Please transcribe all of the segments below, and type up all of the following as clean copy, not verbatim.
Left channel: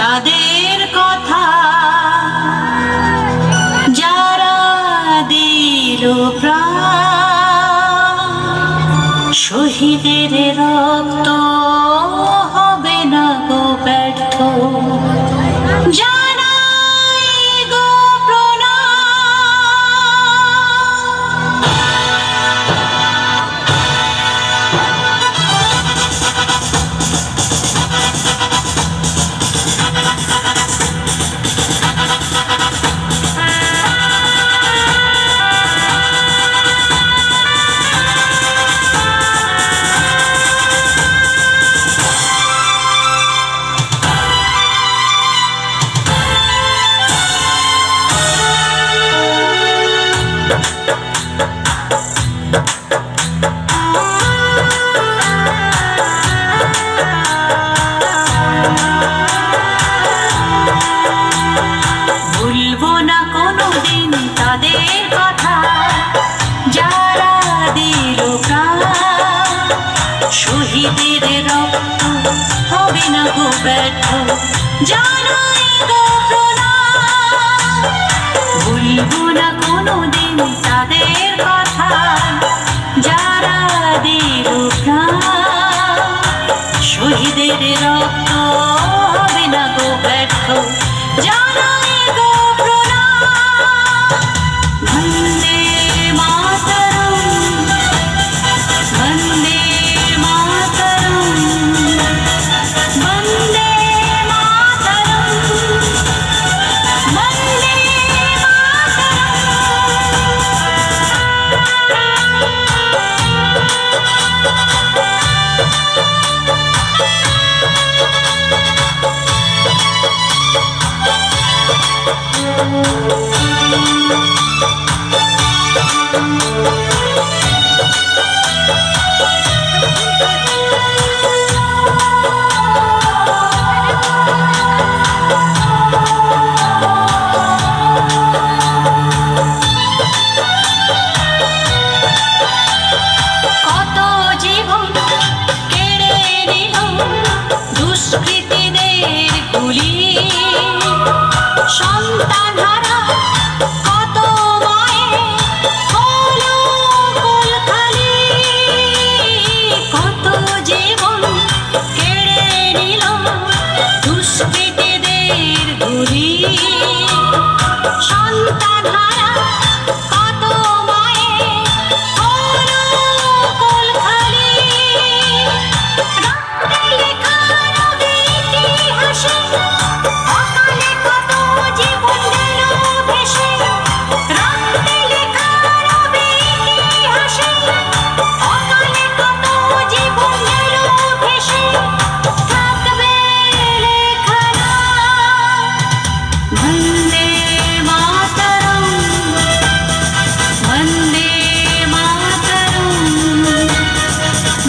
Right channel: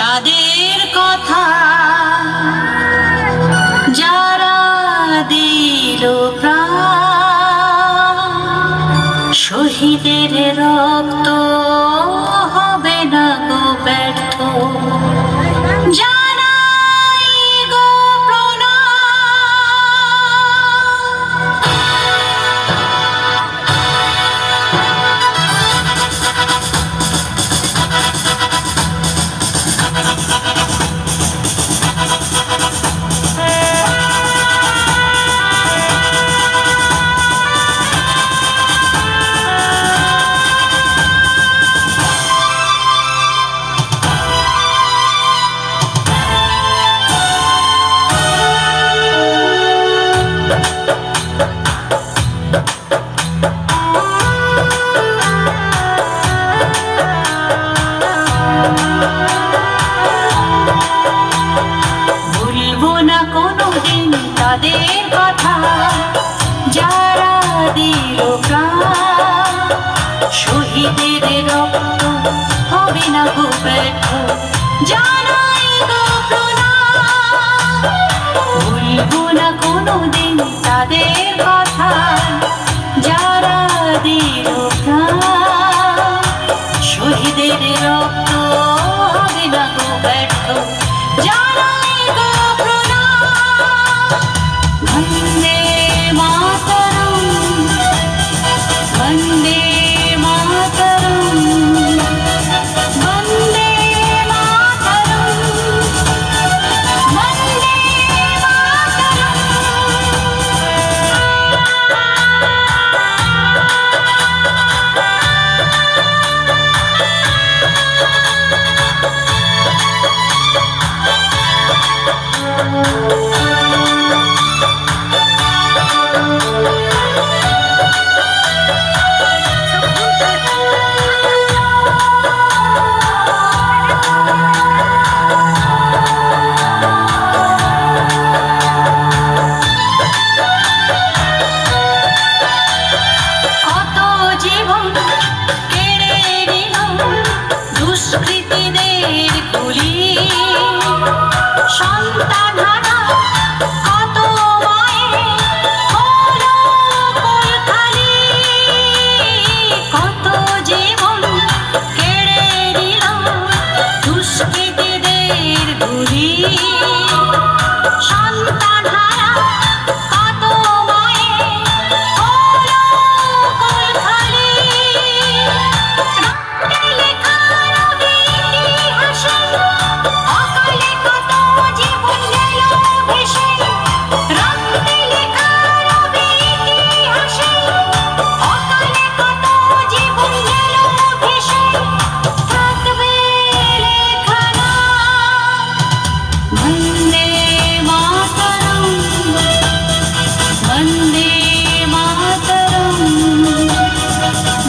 তাদের কথা যারা দিল প্রাণ, শহীদের রক্ত হবে না গো ব্যর্থ। জানাই গো ভুলবো না কোনোদিন তাদের কথা যারা দিল প্রাণ, শহীদের রক্ত হবে না গো ব্যর্থ। জানাই গো প্রণাম। ভুলবো না কোনোদিন তাদের কথা যারা দিল প্রাণ, শহীদের রক্ত হবে না গো ব্যর্থ। জানাই গো প্রণাম। বন্দে মাতরম, বন্দে মাতরম, বন্দে মাতরম, বন্দে কত জীবন কেড়ে নিল দুষ্কৃতীদের গুলি, সন্তানহারা কত মায়ের হলো কোল খালি। কত জীবন কেড়ে নিল দুষ্কৃতীদের গুলি, সন্তানহারা কত মায়ের হলো কোল খালি। রক্তে লেখা রবে ইতিহাসে অকালে কত জীবন গেল ভেসে। রক্তে লেখা রবে ইতিহাসে অকালে কত জীবন গেল ভেসে। থাকবে লেখা নাম। বন্দে মাতরম, বন্দে মাতরম,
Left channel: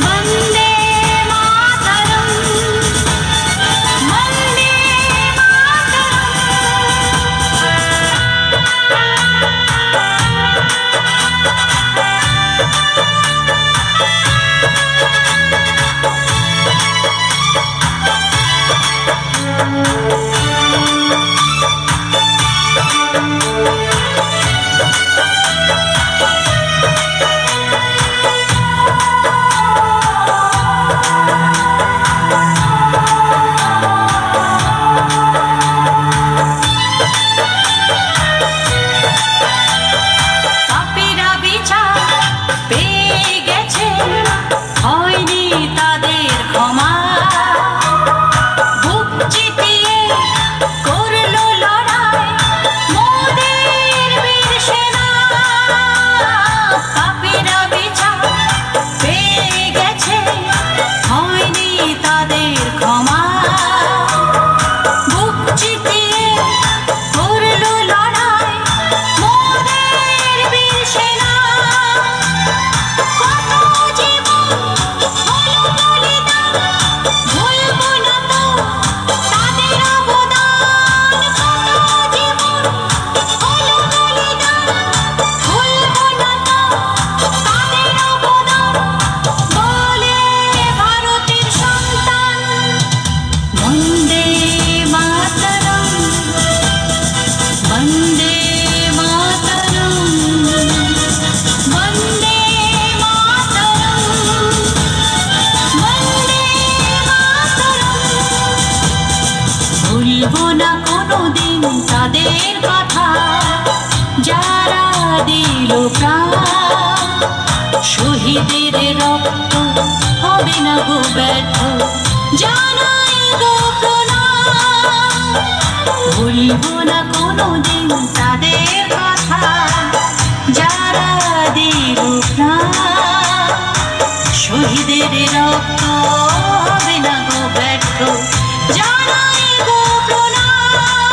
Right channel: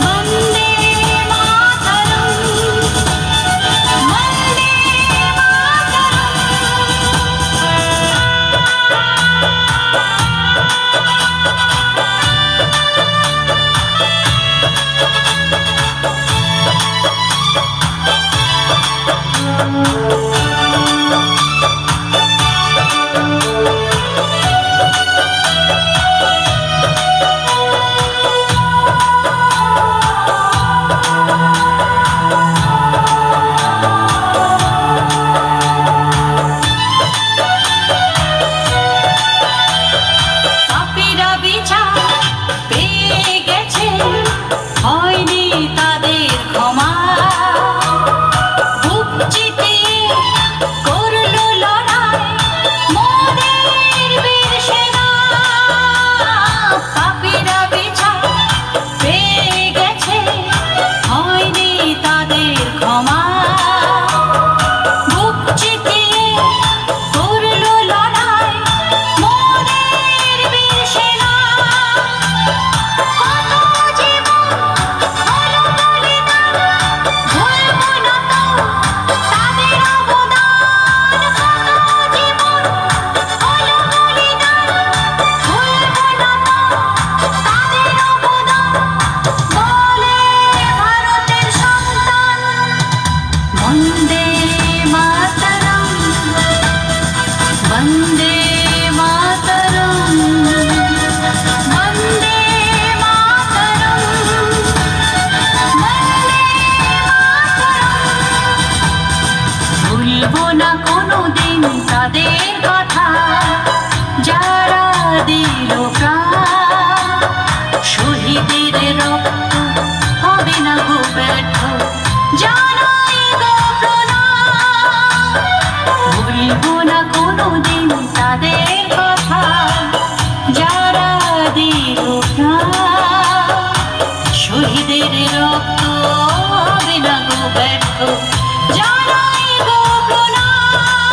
বন্দে মাতরম, বন্দে পাপীরা বিচার পেয়ে গেছে, হয়নি তাদের ক্ষমা। বুক চিতিয়ে করলো লড়াই মোদের বীর সেনা। পাপীরা বিচার পেয়ে গেছে, হয়নি তাদের ক্ষমা। বুক চিতিয়ে করলো লড়াই মোদের বীর সেনা। কত জীবন হলো বলিদান, ভুলবো না তো তাদের অবদান। কত জীবন হলো বলিদান, ভুলবো না তো তাদের অবদান। বলে ভারতের সন্তান, বন্দে মাতরম, বন্দে মাতরম, বন্দে মাতরম, বন্দে মাতরম। ভুলবো না কোনোদিন তাদের কথা, যারা দিল প্রাণ। শহীদের রক্ত হবে না গো ব্যর্থ, জানাই গো প্রণাম। ভুলবো না কোনোদিন তাদের কথা, যারা দিল প্রাণ। শহীদের রক্ত হবে না গো ব্যর্থ, জানাই গো প্রণাম।